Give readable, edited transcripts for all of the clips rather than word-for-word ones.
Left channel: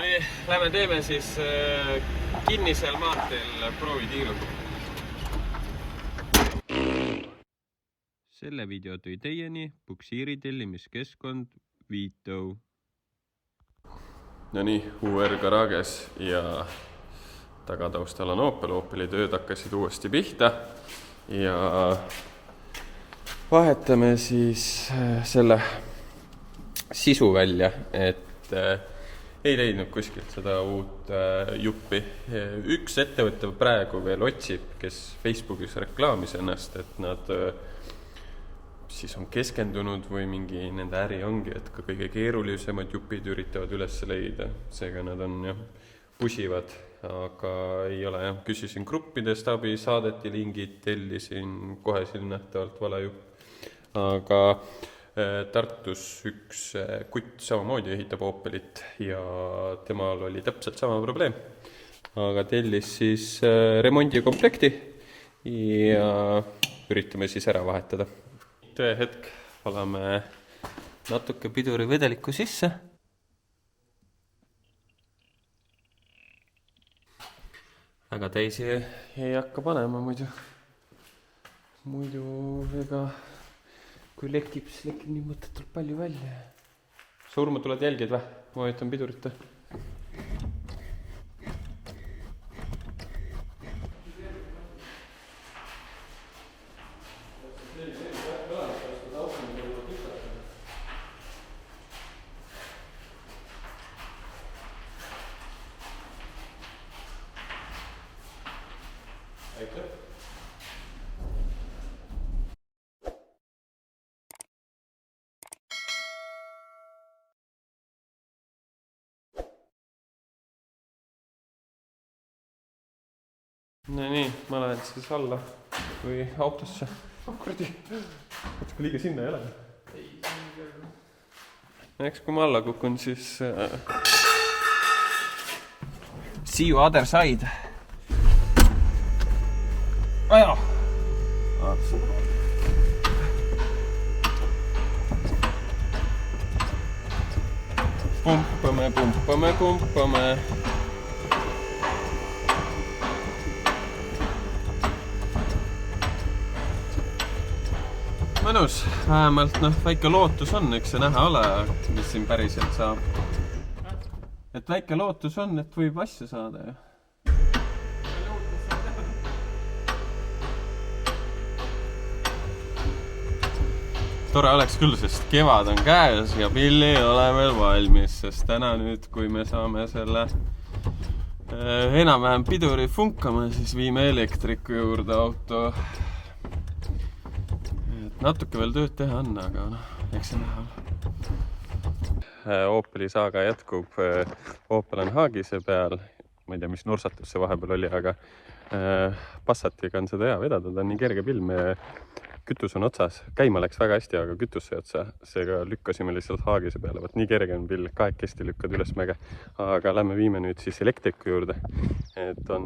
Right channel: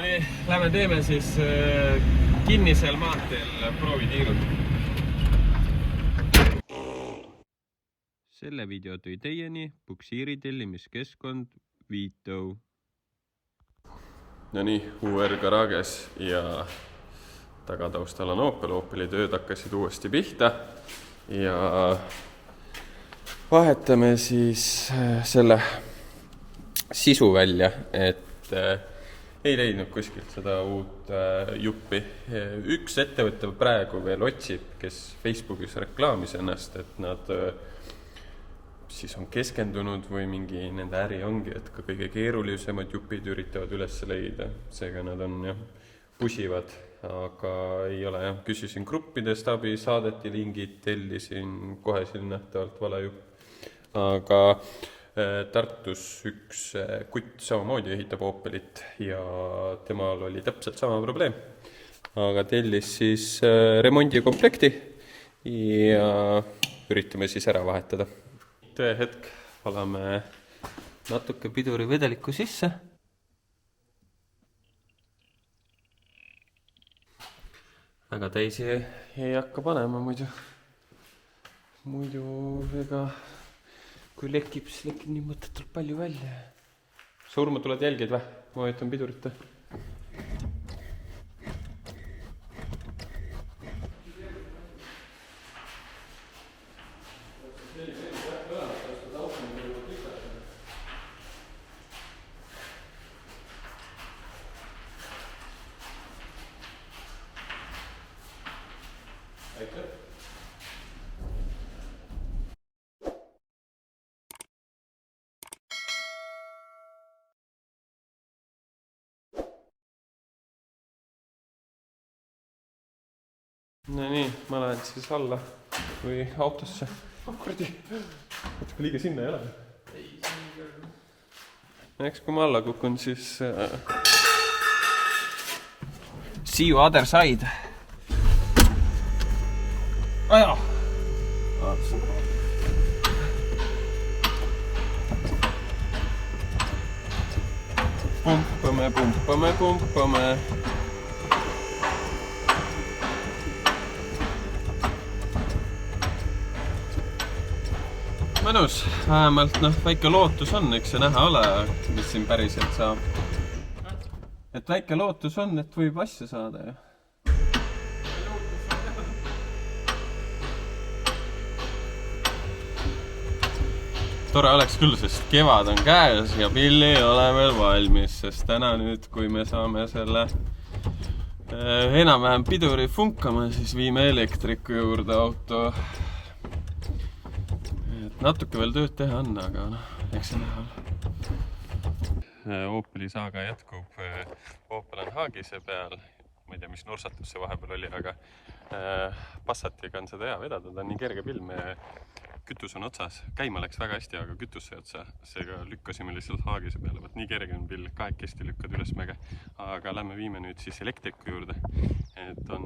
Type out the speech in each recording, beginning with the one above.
nii, lähme teeme siis kinnisel maanteel proovitiiru. Selle video tõi teieni Puksiiri tellimiskeskkond Viito. No nii, UR Garages ja tagataustal on Opel. Opeli tööd hakkasid uuesti pihta ja vahetame siis selle sisu välja, et ei leidnud kuskilt seda uut juppi. Üks ettevõte praegu veel otsib, kes Facebookis reklaamis ennast, et nad siis on keskendunud või mingi nende äri ongi, et ka kõige keerulisemad jupid üritavad üles leida. Seega nad on pusivad, aga ei ole jah. Küsisin gruppidest abi, saadeti lingid, tellisin kohe siin nähtavalt vale jupp. Aga Tartus üks kutt samamoodi ehitab Opelit ja temal oli täpselt sama probleem. Aga tellis siis remondikomplekti ja üritame siis ära vahetada. Hetk valame natuke piduri vedelikku sisse. Väga täisi ei hakka panema muidu. Muidu ega kui lekib, siis lekib nii mõttetult palju välja. Surma tuled jälgid või? Ma vajutan pidurit. No nii, ma lähen siis alla või autosse. Kurdi, kui liiga sinna ei ole. Eks kui ma alla kukun, siis see you other side. Aja! Pumpame. Mõnus, vähemalt väike lootus on, eks see näha ole, mis siin päriselt saab. Et väike lootus on, et võib asja saada ju. Tore oleks küll, sest kevad on käes ja pill ei ole veel valmis, sest täna nüüd, kui me saame selle enam-vähem piduri funkama, siis viime elektriku juurde auto. Natuke veel tööd teha on, aga eks see näha ole. Opeli saaga jätkub. Opel on Haagise peal. Ma ei tea, mis nursatus see vahepeal oli, aga Passatiga on seda hea vedada. Ta on nii kerge pilm. Kütus on otsas. Käima läks väga hästi, aga kütus sai otsa. Seega lükkasime lihtsalt Haagise peale. Võt nii kerge on pill. Kahekesti lükkad üles mäge. Aga lähme viime nüüd siis elektriku juurde. Et on,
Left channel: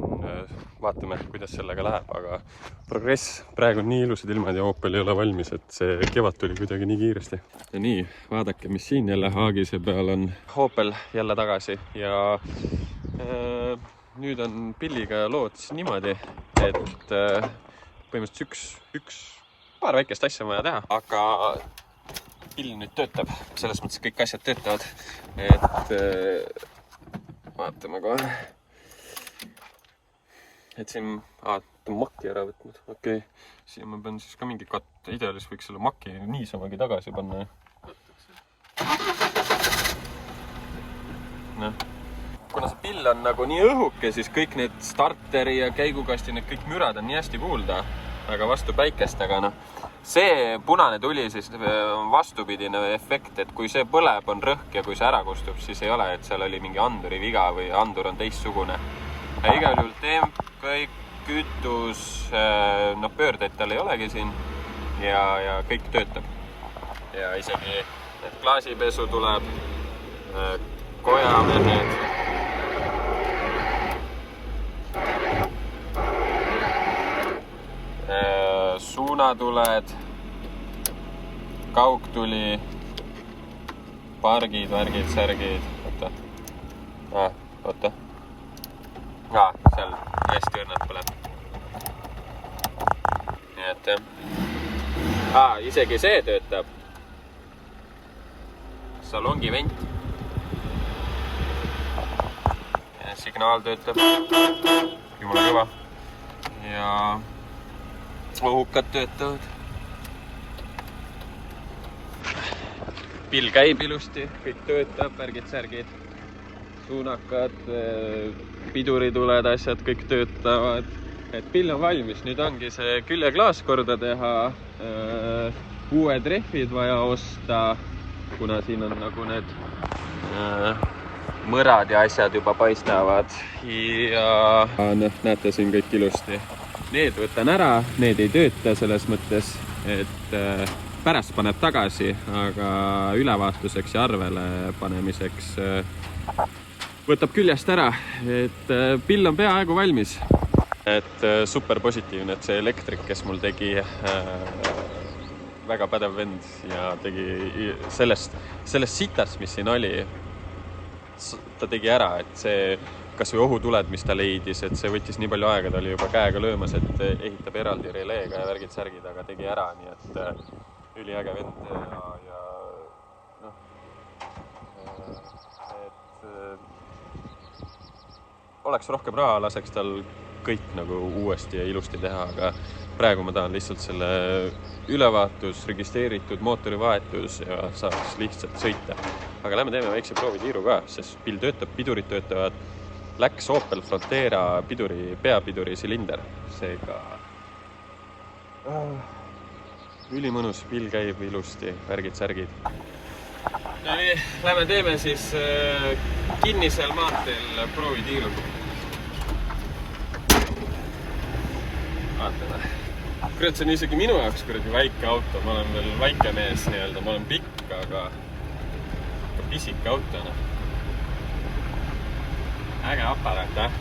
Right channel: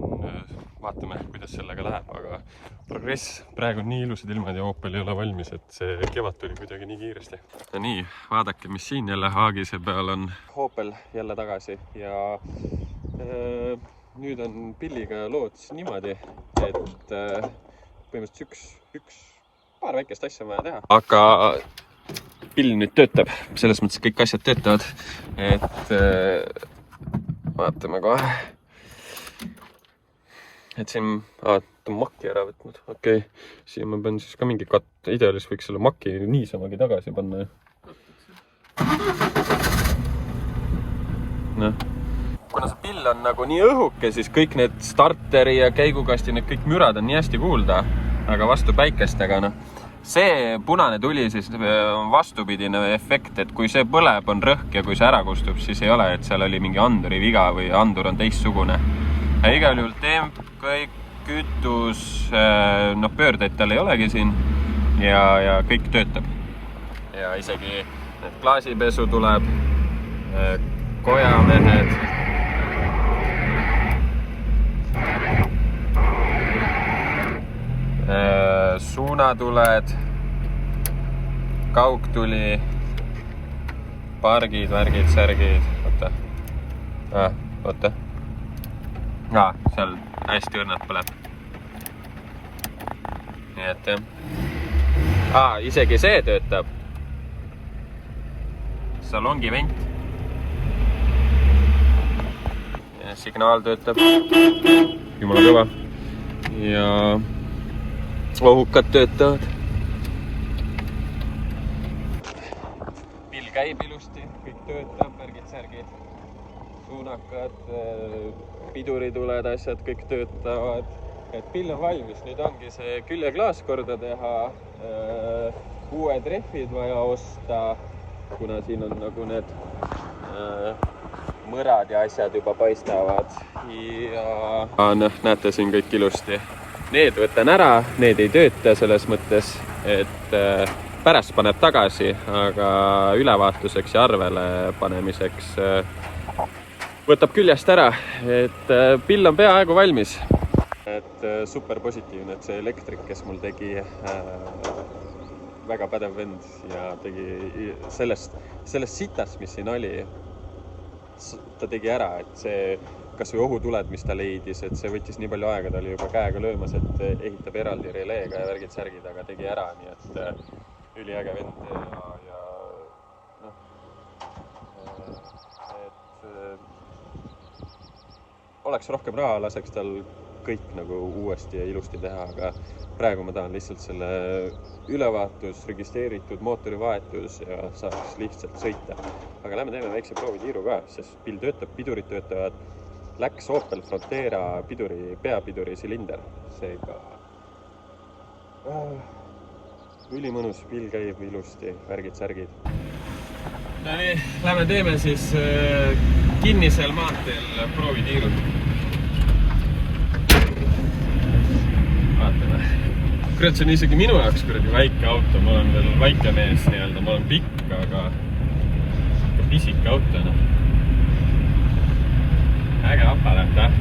vaatame, kuidas sellega läheb, aga progress. Praegu on nii ilusad ilmad ja Opel ei ole valmis, et see kevad tuli kuidagi nii kiiresti. Ja nii, vaadake, mis siin jälle Haagise peal on. Opel jälle tagasi ja nüüd on pilliga lood niimoodi, et põhimõtteliselt paar väikest asja vaja teha. Aga pill nüüd töötab, selles mõttes kõik asjad töötavad, et vaatame kohe. Et siin ta on maki ära võtnud. Okei, siin ma pean siis ka mingi ideaalis võiks selle maki niisamagi tagasi panna. Kuna see pill on nagu nii õhuke, siis kõik need starteri ja käigukasti, need kõik mürad on nii hästi kuulda, aga vastu päikestega. See punane tuli siis on vastupidine efekt, et kui see põleb, on rõhk ja kui see ära kustub, siis ei ole, et seal oli mingi anduri viga või andur on teistsugune. Ja igal juhul temp, kõik kütus, pöördeid tal ei olegi siin ja kõik töötab. Ja isegi klaasipesu tuleb, kojamehed. Suunatuled, kaugtuli, pargid, värgid, särgid. Oota. Oota. Seal hästi õrnalt põleb. Nii et jah. Isegi see töötab. Salongi vent. Signaal töötab. Jumala kõva. Ja ohukad töötavad. Pill käib ilusti, kõik töötab, värgid-särgid. Suunakad, pidurituled, asjad, kõik töötavad. Et pill on valmis, nüüd ongi see küljeklaas korda teha, uued rehvid vaja osta, kuna siin on nagu need mõrad ja asjad juba paistavad. Ja näete siin kõik ilusti. Need võtan ära, need ei tööta selles mõttes, et pärast paneb tagasi, aga ülevaatuseks ja arvele panemiseks võtab küljest ära, et pill on peaaegu valmis. Et super positiivne, et see elektrik, kes mul tegi väga pädev vend ja tegi sellest sitast, mis siin oli, ta tegi ära, et see kas või ohutuled, mis ta leidis, et see võttis nii palju aega, ta oli juba käega löömas, et ehitab eraldi releega ja värgid-särgid, aga tegi ära, nii et üliäge vend ja noh, et oleks rohkem raha, laseks tal kõik nagu uuesti ja ilusti teha, aga praegu ma tahan lihtsalt selle ülevaatus, registreeritud mootorivahetus ja saaks lihtsalt sõita. Aga lähme teeme väikse proovitiiru ka, sest pill töötab, pidurid töötavad, läks Opel Frontera peapiduri silinder, seega ülimõnus, pill käib ilusti, värgid-särgid. No nii, lähme teeme siis kinnisel maanteel proovitiirud. Kurat, see on isegi minu jaoks kuradi väike auto, ma olen veel väike mees nii-öelda, ma olen pikk, aga pisik auto. Äge aparaat, jah.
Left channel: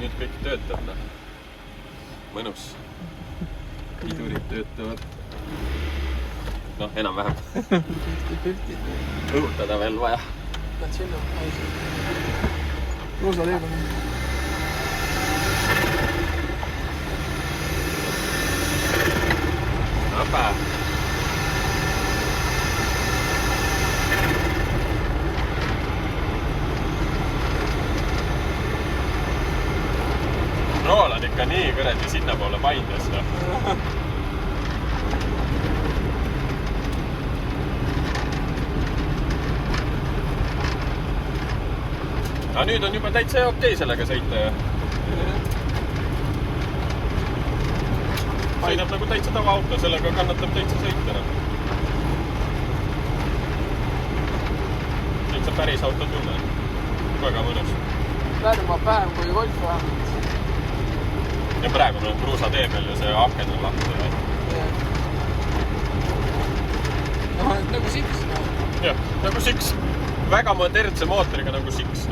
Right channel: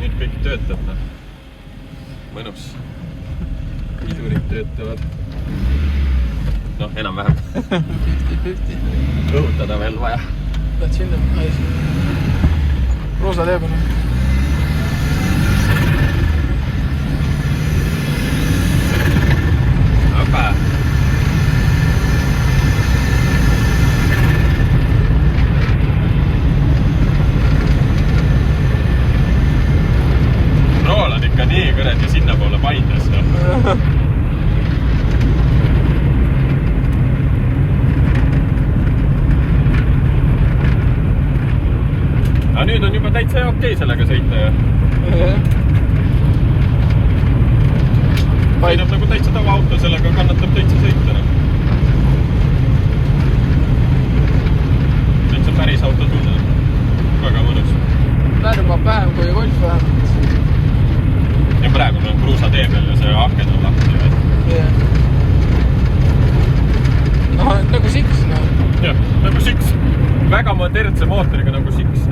Nüüd kõik töötab. Mõnus. Pidurid töötavad. Noh, enam-vähem. Õhutada veel vaja. Pead sinna naisi. Roosa teebana. Nii kõredi sinna poole paindas. Aga nüüd on juba täitsa okei sellega sõita. Sõidab nagu täitsa tava auto, sellega kannatab täitsa sõita. Täitsa päris auto tunne. Väga mõnus. Lärmab vähem kui Golf vähemalt. Ja praegu meil on kruusa tee peal ja see aken on lahti. No, nagu Six. Jah, nagu Six. Väga modernse mootoriga nagu Six.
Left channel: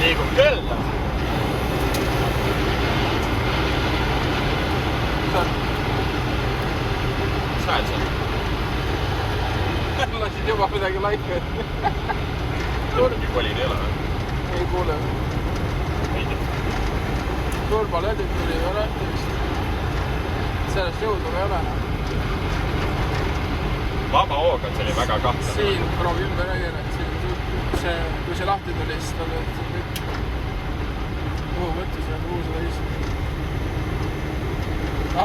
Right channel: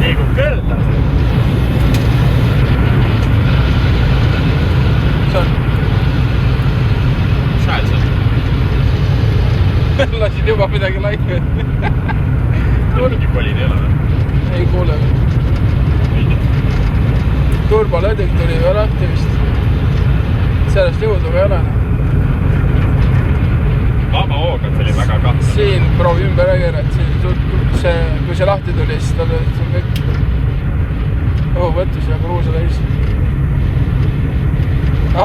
Liigub küll. Lasid juba midagi laipi. Turbi koli teele. Ei kuule. Turbolöödik tuli ju lahti vist. Sellest jõudu ei ole. Vaba hooga, see oli väga kahtel. Siin proovi ümber ägerat. Kui see lahti tuli, siis tal oli kõik õhuvõttus ja kruusa täis.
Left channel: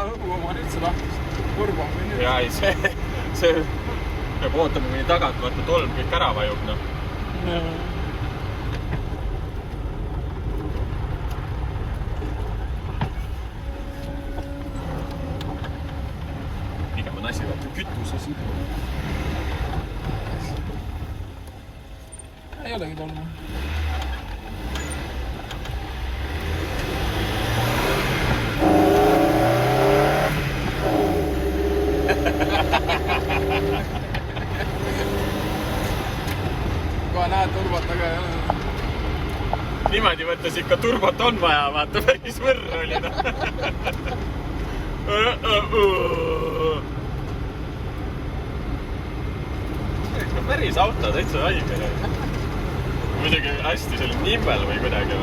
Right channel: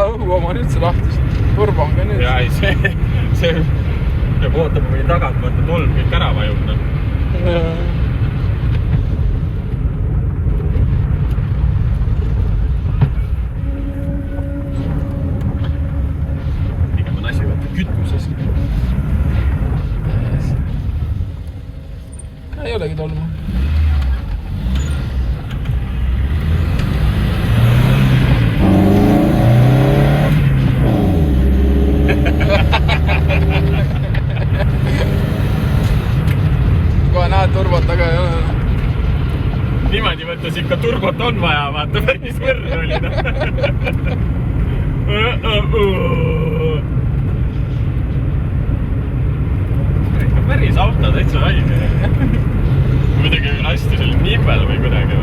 Õhu oma nüüd see lahtis. Turbo on ka nüüd. Jaa, ei see peab ootab kuni tagant, vaata tolm kõik ära vajub. Pigem on asi võtta kütuses. Ei olegi tolmu. turbot taga ei ole. Niimoodi mõttes ikka turbot on vaja, vaata päris võrr oli. Päris auto täitsa valge. Muidugi lasti seal nipel või kuidagi.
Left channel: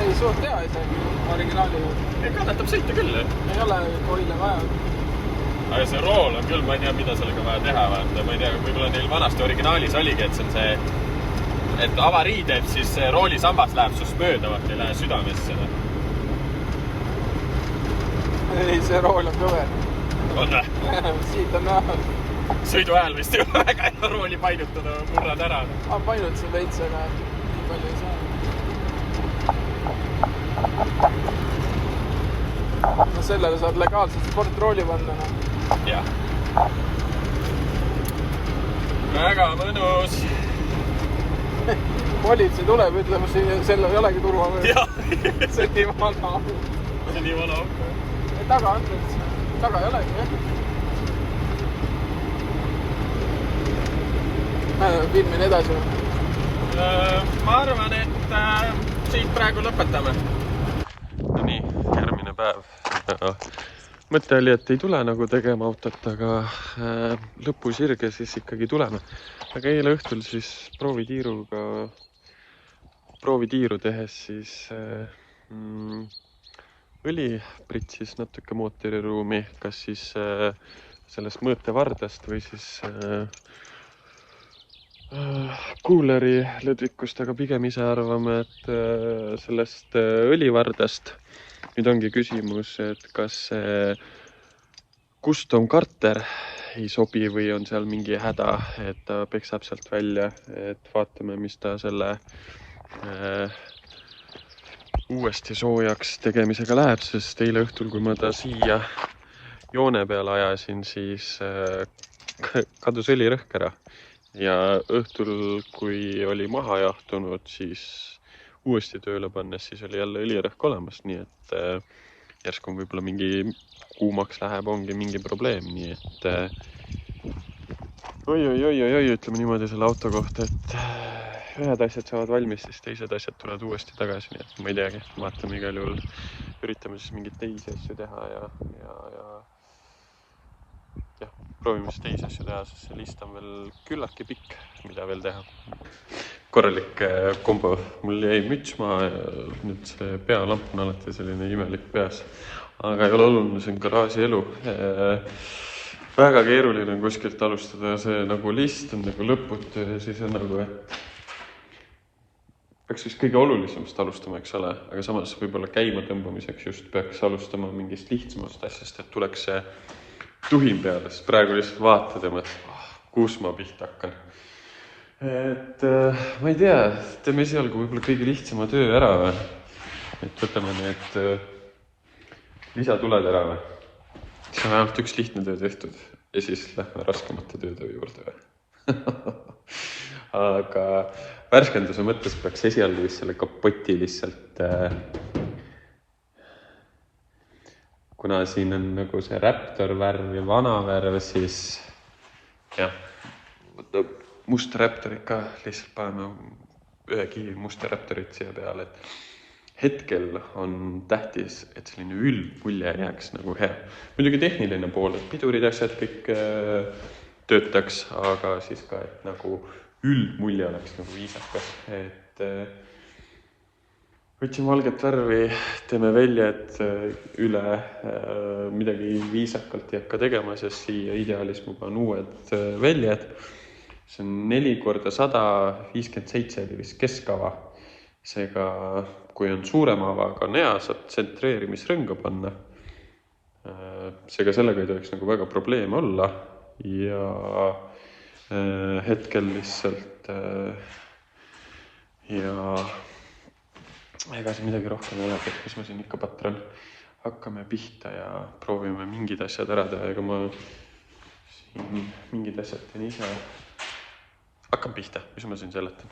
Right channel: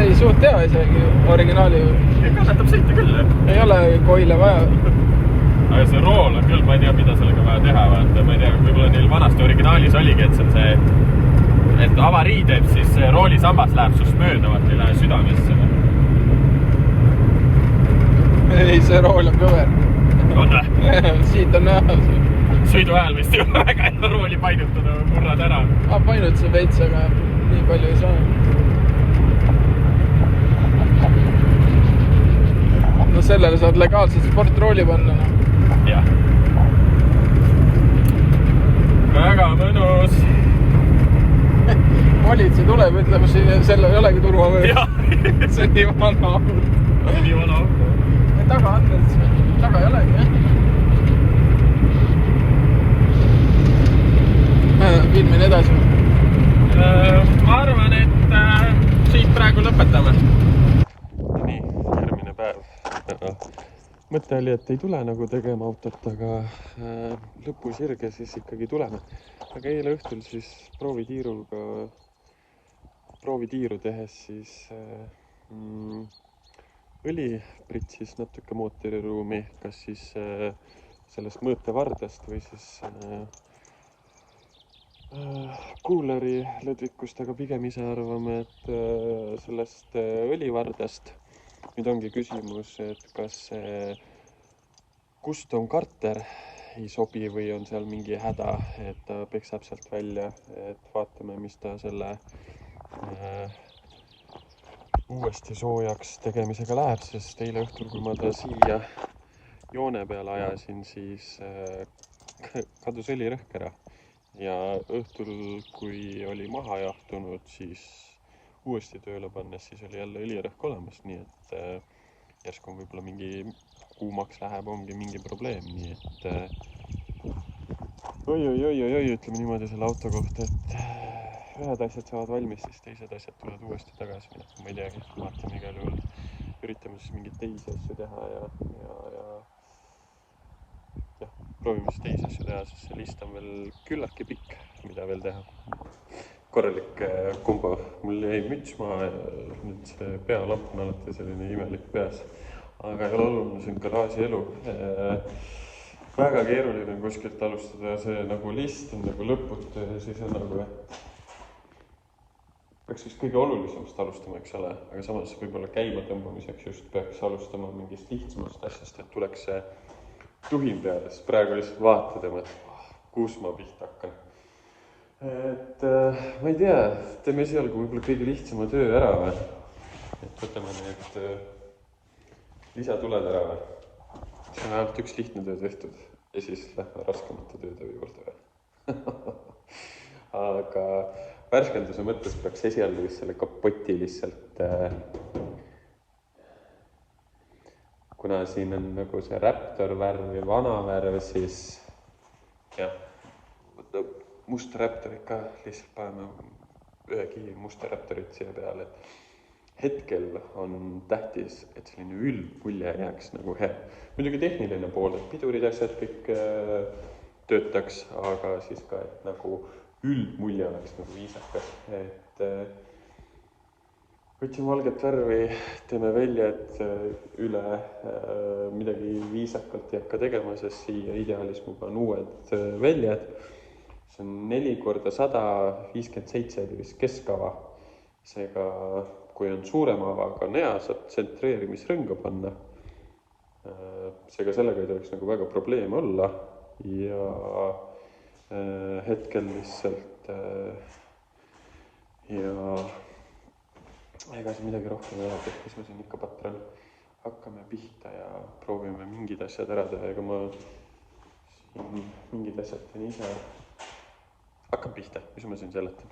Ei, suht hea isegi originaali. Kannatab sõita küll, jah. Ei ole koile vaja. Aga see rool on küll, ma ei tea, mida sellega vaja teha. Vaata, ma ei tea, võib-olla neil vanasti originaalis oligi, et see on see, et avarii teeb, siis see roolisambas läheb sust mööda, vaata, ei lähe südamesse. Ei, see rool on kõver. Oota. Siit on näha. Sõidu ajal vist ju väga ei rooli painutada, murrad ära. Painut see veits, aga nii palju ei saa. No sellele saad legaalselt sportrooli panna. Jah. Väga mõnus. Politsei tuleb, ütleb, selle ei olegi turvavöö. See on nii vana. Nii vana auto. Taga on täitsa. Taga ei olegi, jah. Filmin edasi. Ma arvan, et siit praegu lõpetame. Nii, järgmine päev. Mõte oli, et ei tule nagu tegema autot, aga lõpusirge siis ikkagi tuleme. Aga eile õhtul siis proovitiiru tehes siis õli pritsis natuke mootoriruumi, kas siis sellest mõõtevardast või siis kuuleri lõdvikust, aga pigem ise arvame, et sellest õlivardast. Nüüd ongi küsimus, et kas custom karter ei sobi või on seal mingi häda, et ta peksab sealt välja, et vaatame, mis ta selle uuesti soojaks tegemisega läheb, sest eile õhtul, kui ma ta siia joone peale ajasin, siis kadus õlirõhk ära. Ja õhtul, kui oli maha jahtunud, siis uuesti tööle pannes, siis oli jälle õlirõhk olemas, nii et järsku võib-olla mingi kuumaks läheb, ongi mingi probleem, nii et oi, ütleme niimoodi selle auto kohta, et ühed asjad saavad valmis, siis teised asjad tulevad uuesti tagasi, nii et ma ei teagi, vaatame igal juhul, üritame siis mingit teisi asju teha ja proovime siis teisi asju teha, sest see list on veel küllaltki pikk, mida veel teha. Korralik kombo. Mul jäi müts maha ja nüüd see pealamp on alati selline imelik peas. Aga ei ole oluline, see on garaaži elu. Väga keeruline on kuskilt alustada, see nagu list on nagu lõputu ja siis on nagu, et peaks vist kõige olulisemast alustama, eks ole, aga samas võib-olla käima tõmbamiseks just peaks alustama mingist lihtsamast asjast, et tuleks see tuhin peale, sest praegu lihtsalt vaatad ja mõtled, kus ma pihta hakkan. Et ma ei tea, teeme esialgu võib-olla kõige lihtsama töö ära või? Et võtame need lisatuled ära või? See on ainult üks lihtne töö tehtud ja siis lähme raskemate töötöö juurde või? Aga värskenduse mõttes peaks esialgu vist selle kapoti lihtsalt kuna siin on nagu see Raptor värv ja vana värv, siis jah, must Raptorit ka lihtsalt paneme ühe kivi musta Raptorit siia peale, et hetkel on tähtis, et selline üldmulje jääks nagu hea. Muidugi tehniline pool, et pidurid asjad kõik töötaks, aga siis ka, et nagu üldmulje oleks nagu viisakas, et võtsin valget värvi, teeme väljad üle, midagi viisakalt ei hakka tegema, sest siia ideaalis ma panen uued väljad. See on 4x100, 57 oli vist keskava. Seega, kui on suurema avaga on hea, saad tsentreerimisrõnga panna. Seega sellega ei tohiks nagu väga probleeme olla. Ja hetkel lihtsalt ja ega see midagi rohkem ei ole, et mis ma siin ikka patran. Hakkame pihta ja proovime mingid asjad ära teha, ega ma siin mingid asjad teen ise. Hakkame pihta, mis ma siin seletan.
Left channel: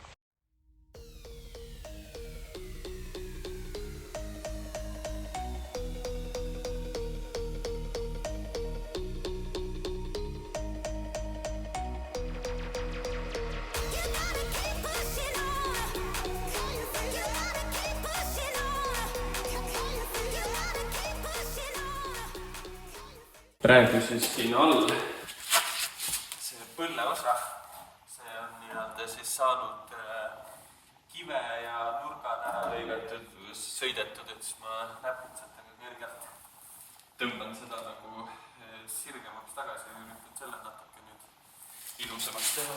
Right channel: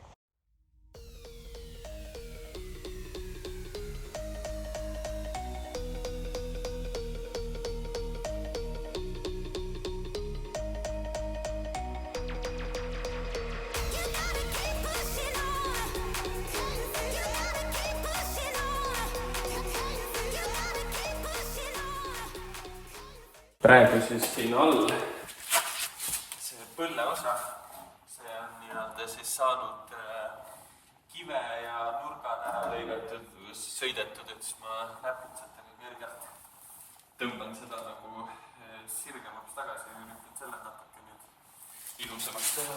praegu siis siin all see põlleosa, see on nii-öelda siis saanud kive ja nurgad ära lõigatud, sõidetud, et siis ma näpitsatega kergelt tõmban seda nagu sirgemaks tagasi ja üritan selle natuke nüüd ilusamaks teha.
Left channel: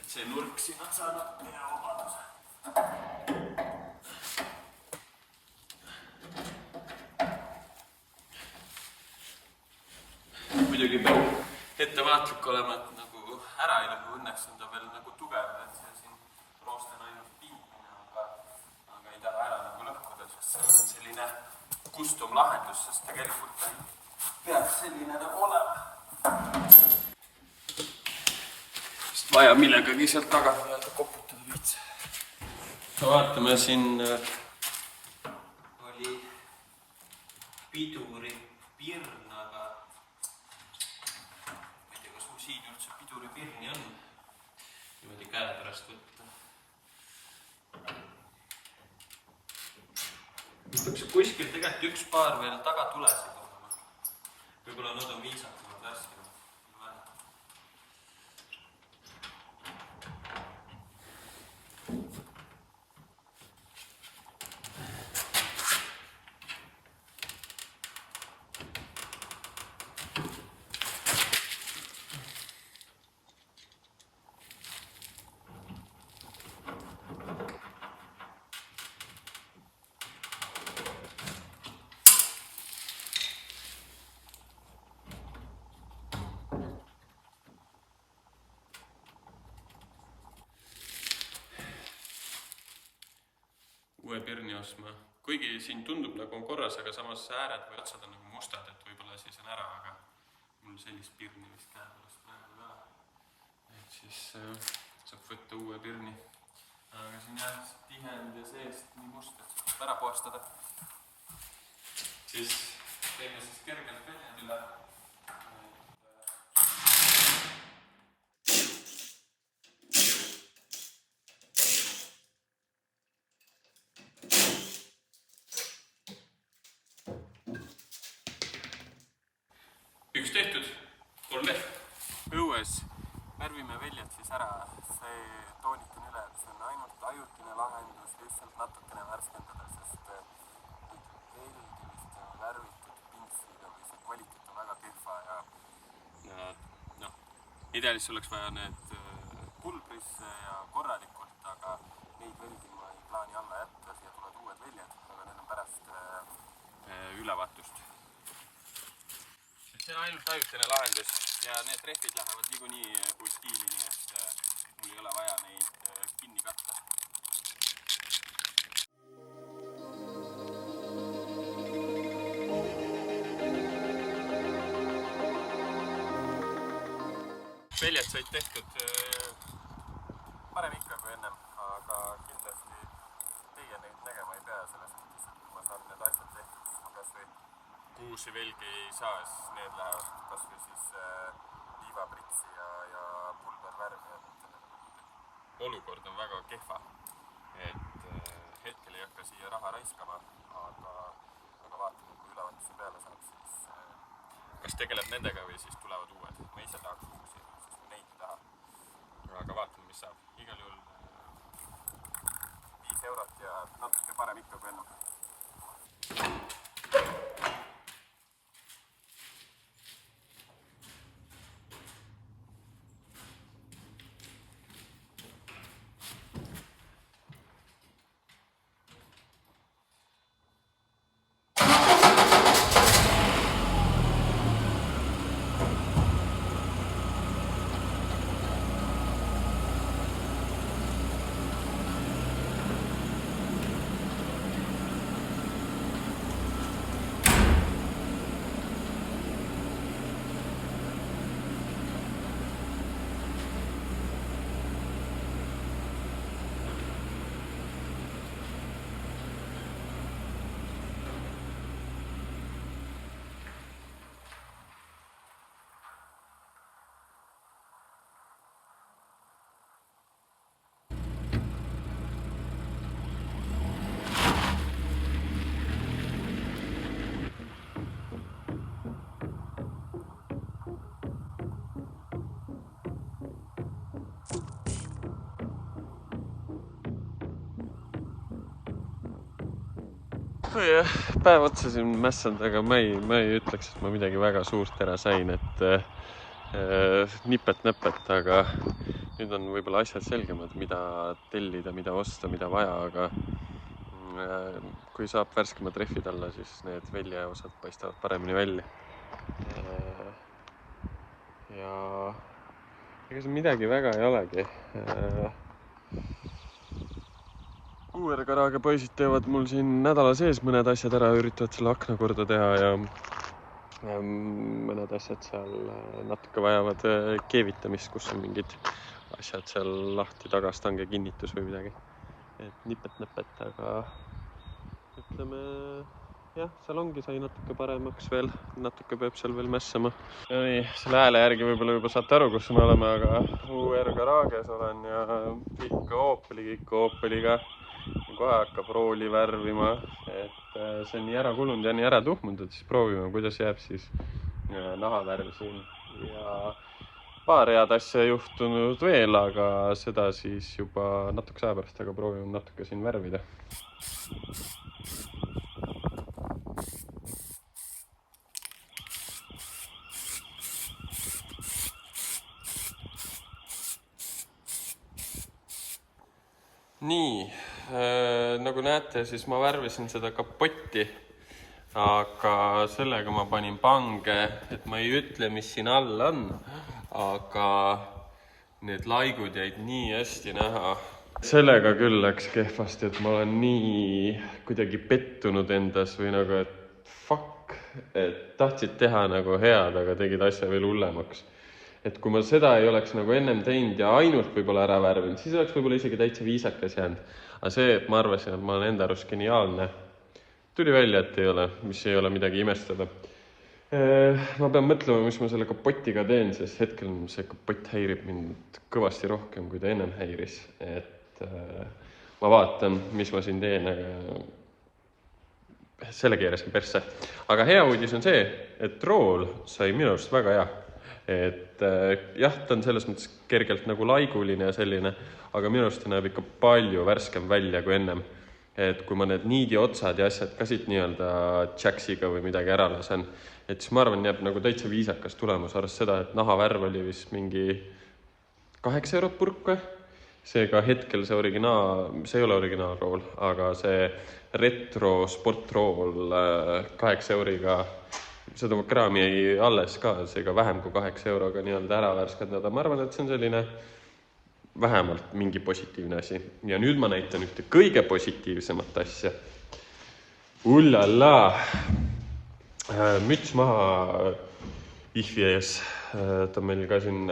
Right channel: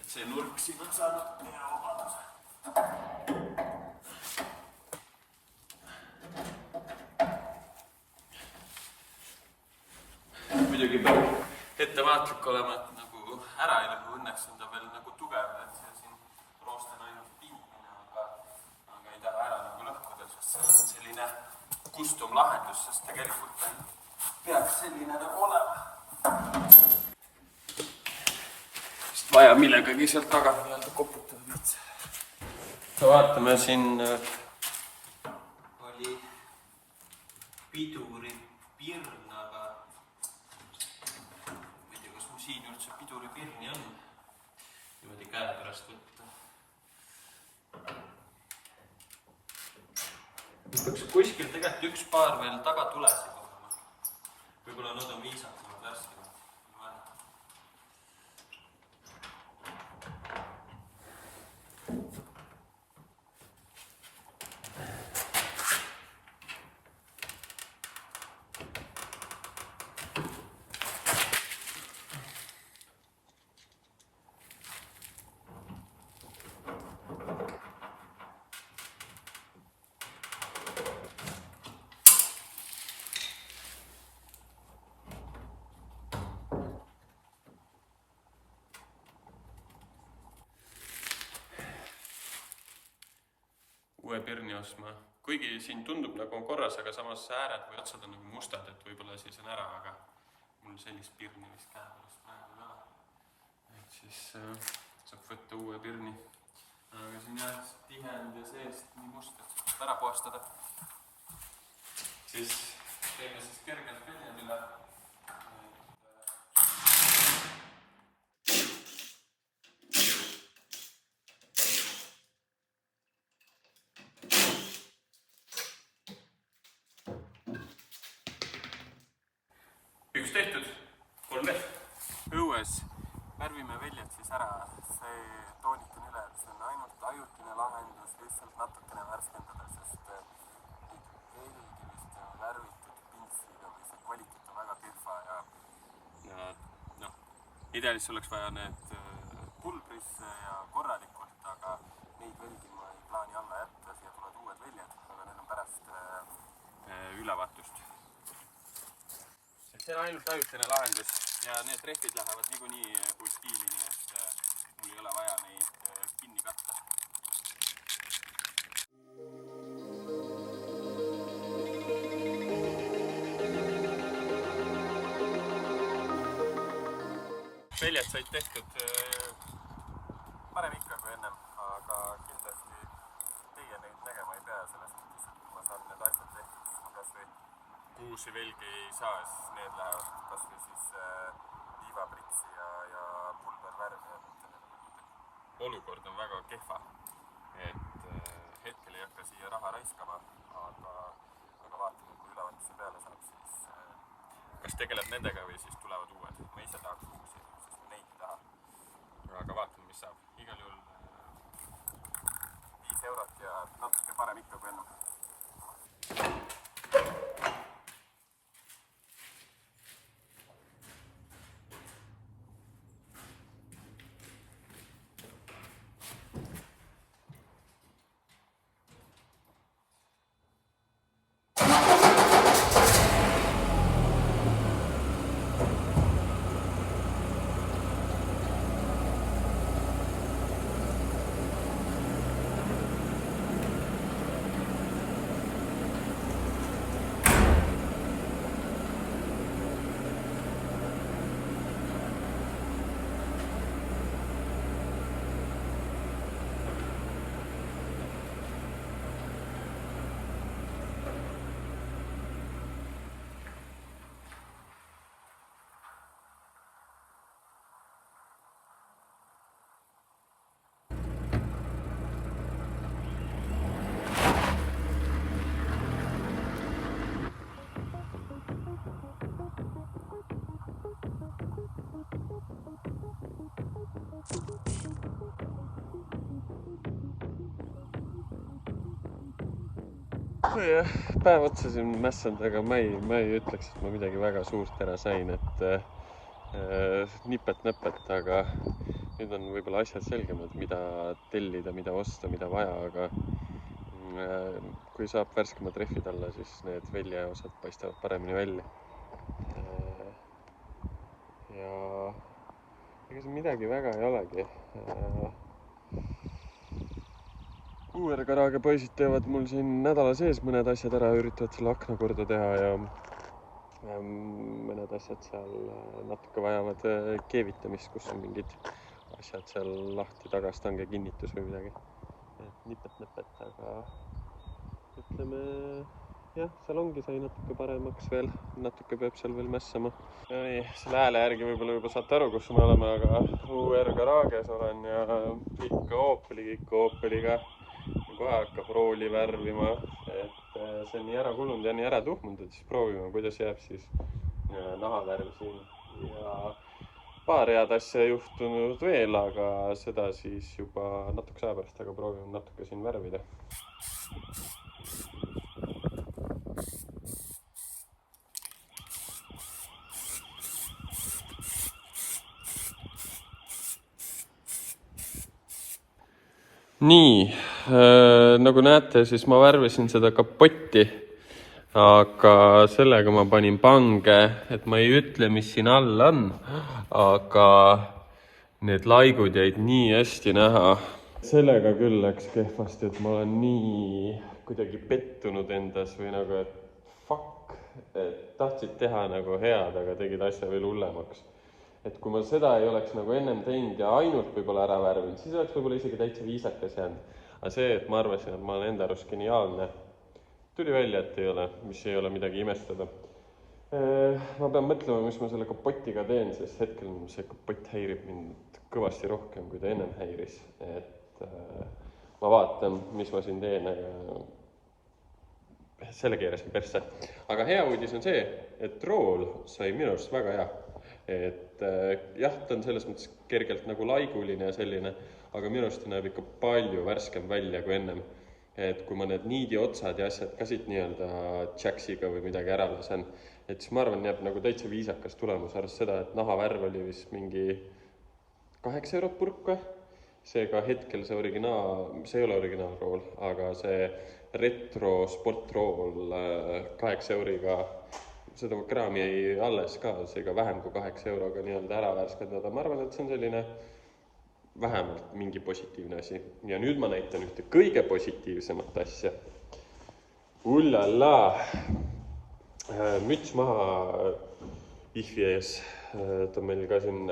Et see nurk siin on saanud hea omaduse. Muidugi peab ettevaatlik olema, et nagu ära ei lõhu, õnneks on ta veel nagu tugev, et see siin roost on ainult pingine, aga ei taha ära nagu lõhkuda, sest see on selline custom lahendus, sest tegelikult peaks selline nagu olema. Vist vaja millegagi sealt tagant nii-öelda koputada viits. Vaatame, siin oli piduri pirn, aga ma ei tea, kas mul siin üldse piduri pirni on niimoodi käe pärast võtta. Peaks kuskil tegelikult üks paar veel taga tulesid olema. Võib-olla nad on viisakamad värskemad. Uue pirni ostma. Kuigi siin tundub nagu on korras, aga samas ääred või otsad on nagu mustad, et võib-olla siis on ära, aga mul sellist pirni vist käe pärast praegu ka. Et siis saab võtta uue pirni. Aga siin jah, tihend ja seest nii must, et saab ära puhastada. Siis teeme siis kergelt väljad üle. Üks tehtud, 3 leht. Õues värvime väljad siis ära, see toonitan üle, et see on ainult ajutine lahendus, lihtsalt natukene värskendada, sest eeldivist värvitud pintsiga või see kvaliteet on väga pirfa ja ideaalis oleks vaja need pulbrisse ja korralikult, aga neid väldi ma ei plaani alla jätta, siia tulevad uued väljad, aga need on pärast ülevaatust. See on ainult ajutine lahendus ja need rehvid lähevad niikuinii kui stiili, nii et mul ei ole vaja neid kinni katta. Väljad said tehtud parem ikka kui ennem, aga kindlasti teie neid nägema ei pea sellest, et kui ma saan need asjad tehtud, siis ma kas või uusi velgi ei saa, siis need lähevad kas või siis liivapritsi ja pulbervärvi. Olukord on väga kehva, et hetkel ei hakka siia raha raiskama, aga vaatame, kui ülevaatuse peale saab, siis kas tegeleb nendega või siis tulevad uued. Ma ise tahaks uusi, sest ma neid ei taha. Aga vaatame, mis saab. Igal juhul 5 eurot ja natuke parem ikka kui ennem. päev otsa siin mässanud, aga ma ei ütleks, et ma midagi väga suurt ära sain, et nipet-näpet, aga nüüd on võib-olla asjad selgemad, mida tellida, mida osta, mida vaja, aga kui saab värskemad rehvid alla, siis need väljaosad paistavad paremini välja. Ja ega see midagi väga ei olegi. UR-Garage poisid teevad mul siin nädala sees mõned asjad ära, üritavad selle akna korda teha ja mõned asjad seal natuke vajavad keevitamist, kus on mingid asjad seal lahti, tagastange kinnitus või midagi. Et nipet-näpet, aga ütleme, jah, seal ongi, sai natuke paremaks veel, natuke peab seal veel mässama. Ja nii, selle hääle järgi võib-olla juba saate aru, kus me oleme, aga UR-Garages olen ja kõik Opeliga. Kohe hakkab rooli värvima, et see on nii ära kulunud ja nii ära tuhmunud, et siis proovime, kuidas jääb siis nahavärv siin. Ja paar head asja juhtunud veel, aga seda siis juba natuke aja pärast, aga proovime natuke siin värvida. Nii, nagu näete, siis ma värvisin seda kapotti, aga sellega ma panin pange, et ma ei ütle, mis siin all on, aga need laigud jäid nii hästi näha. Sellega küll läks kehvasti, et ma olen nii kuidagi pettunud endas või nagu, et fuck, et tahtsid teha nagu head, aga tegid asja veel hullemaks. Et kui ma seda ei oleks nagu ennem teinud ja ainult võib-olla ära värvinud, siis oleks võib-olla isegi täitsa viisakas jäänud. Aga see, et ma arvasin, et ma olen enda arust geniaalne, tuli välja, et ei ole, mis ei ole midagi imestada. Ma pean mõtlema, mis ma selle kapotiga teen, sest hetkel see kapott häirib mind kõvasti rohkem, kui ta ennem häiris. Et ma vaatan, mis ma siin teen, aga selle keerasin persse. Aga hea uudis on see, et rool sai minu arust väga hea. Et jah, ta on selles mõttes kergelt nagu laiguline ja selline, aga minu arust ta näeb ikka palju värskem välja kui ennem. Et kui ma need niidi otsad ja asjad ka siit nii-öelda jacksiga või midagi ära lasen, et siis ma arvan, jääb nagu täitsa viisakas tulemus, arvest seda, et nahavärv oli vist mingi 8 eurot purk või? Seega hetkel see ei ole originaalrool, aga see retro sportrool 8 euriga seda kraami ei alles ka, seega vähem kui 8 euroga nii-öelda ära värskendada. Ma arvan, et see on selline vähemalt mingi positiivne asi. Ja nüüd ma näitan ühte kõige positiivsemat asja. Ullala! Müts maha ihvi ees. Ta on meil ka siin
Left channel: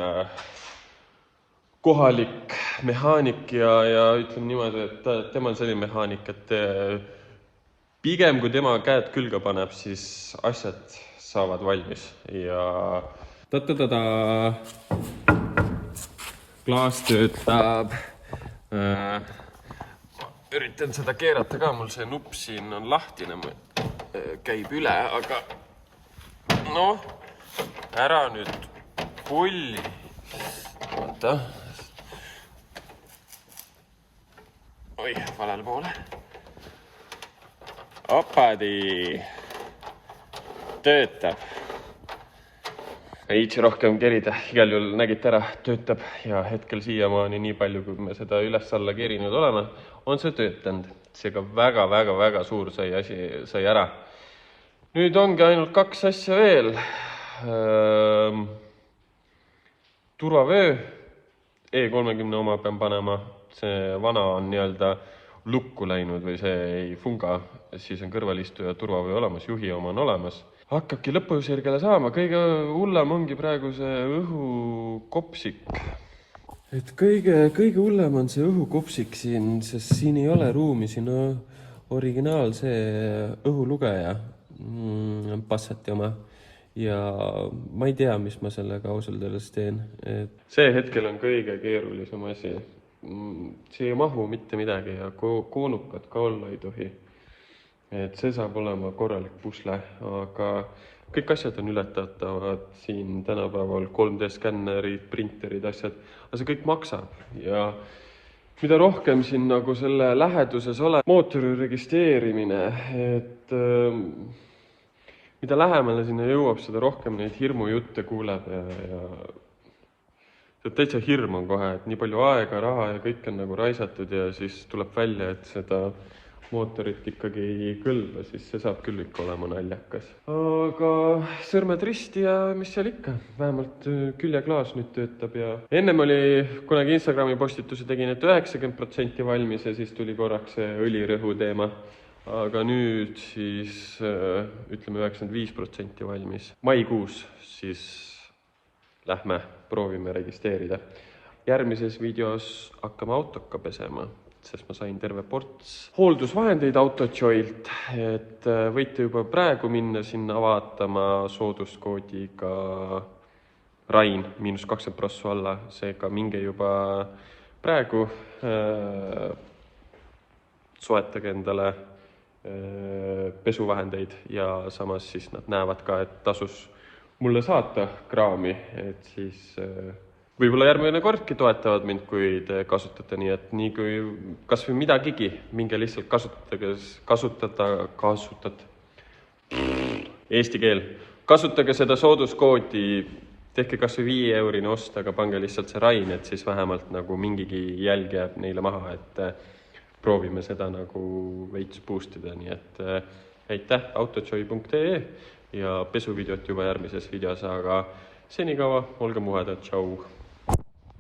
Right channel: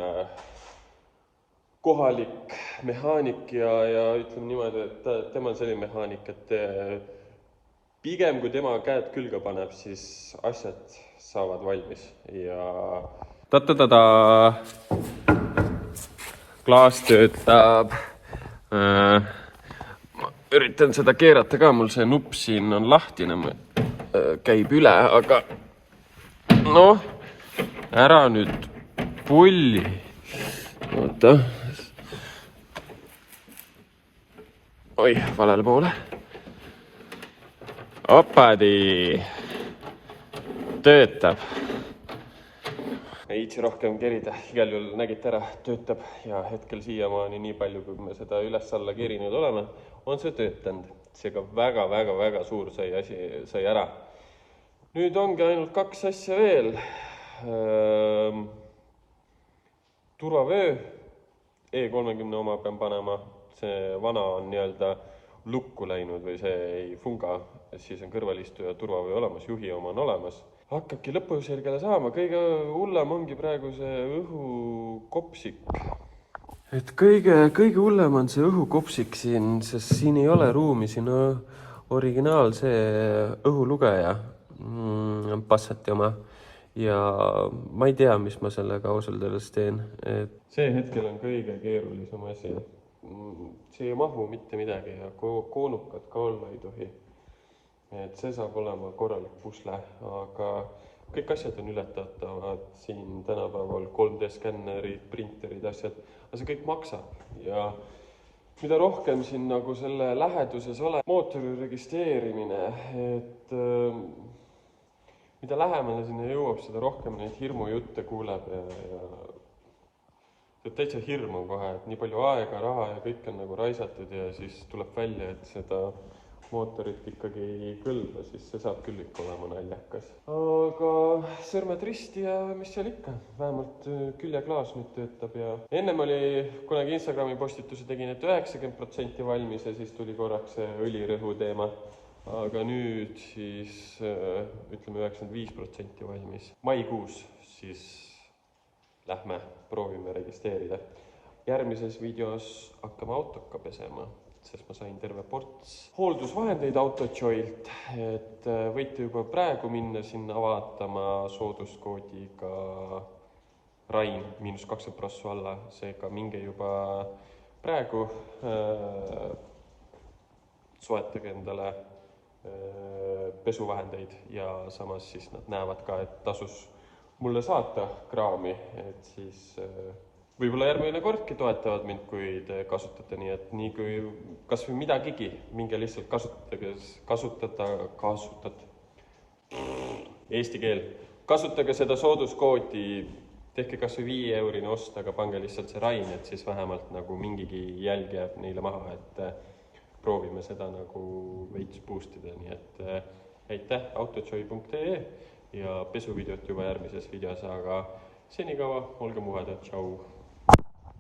kohalik mehaanik ja ütleme niimoodi, et tema on selline mehaanik, et pigem kui tema käed külge paneb, siis asjad saavad valmis ja ta-ta-ta-ta klaas töötab. Ma üritan seda keerata ka, mul see nupp siin on lahtine, käib üle, aga noh, ära nüüd pulli. Oota. Oi, valele poole. Opadi. Töötab. Ei itse rohkem kerida, igal juhul nägite ära, töötab ja hetkel siiamaani nii palju, kui me seda üles-alla kerinud oleme, on see töötanud. Seega väga suur sai ära. Nüüd ongi ainult 2 asja veel. Turvavöö, E30 oma pean panema, see vana on nii-öelda lukku läinud või see ei funga, siis on kõrvalistuja turvavöö olemas, juhi oma on olemas. Hakkabki lõpusirgele saama, kõige hullem ongi praegu see õhukopsik. Et kõige hullem on see õhukopsik siin, sest siin ei ole ruumi, siin on originaal see õhulugeja, Passati oma. Ja ma ei tea, mis ma sellega ausalt öeldes teen. See hetkel on kõige keerulisem asi. See ei mahu mitte midagi ja koonukad ka olla ei tohi. Et see saab olema korralik pusle, aga kõik asjad on ületatavad siin tänapäeval, 3D-skännerid, printerid, asjad, aga see kõik maksab ja mida rohkem siin nagu selle läheduses ole mootori registreerimine, et et mida lähemale sinna jõuab, seda rohkem neid hirmujutte kuuleb ja täitsa hirm on kohe, et nii palju aega, raha ja kõik on nagu raisatud ja siis tuleb välja, et seda mootorit ikkagi ei kõlba, siis see saab küll ikka olema naljakas. Aga sõrmed risti ja mis seal ikka, vähemalt küljeklaas nüüd töötab ja ennem oli, kunagi Instagrami postituse tegin, et 90% valmis ja siis tuli korraks see õlirõhu teema. Aga nüüd siis ütleme 95% valmis. Maikuus siis lähme proovime registreerida. Järgmises videos hakkame autoka pesema, sest ma sain terve ports hooldusvahendeid AutoJoylt, et võite juba praegu minna sinna vaatama sooduskoodiga Rain -20% alla, seega minge juba praegu soetage endale pesuvahendeid ja samas siis nad näevad ka, et tasus mulle saata kraami, et siis võib-olla järgmine kordki toetavad mind, kui te kasutate, nii et nii kui kas või midagigi, minge lihtsalt eesti keel. Kasutage seda sooduskoodi, tehke kas või 5 eurine ost, aga pange lihtsalt see Rain, et siis vähemalt nagu mingigi jälg jääb neile maha, et proovime seda nagu veits boostida, nii et aitäh autojoy.ee ja pesuvideot juba järgmises videos, aga senikaua olge muhedad, tšau!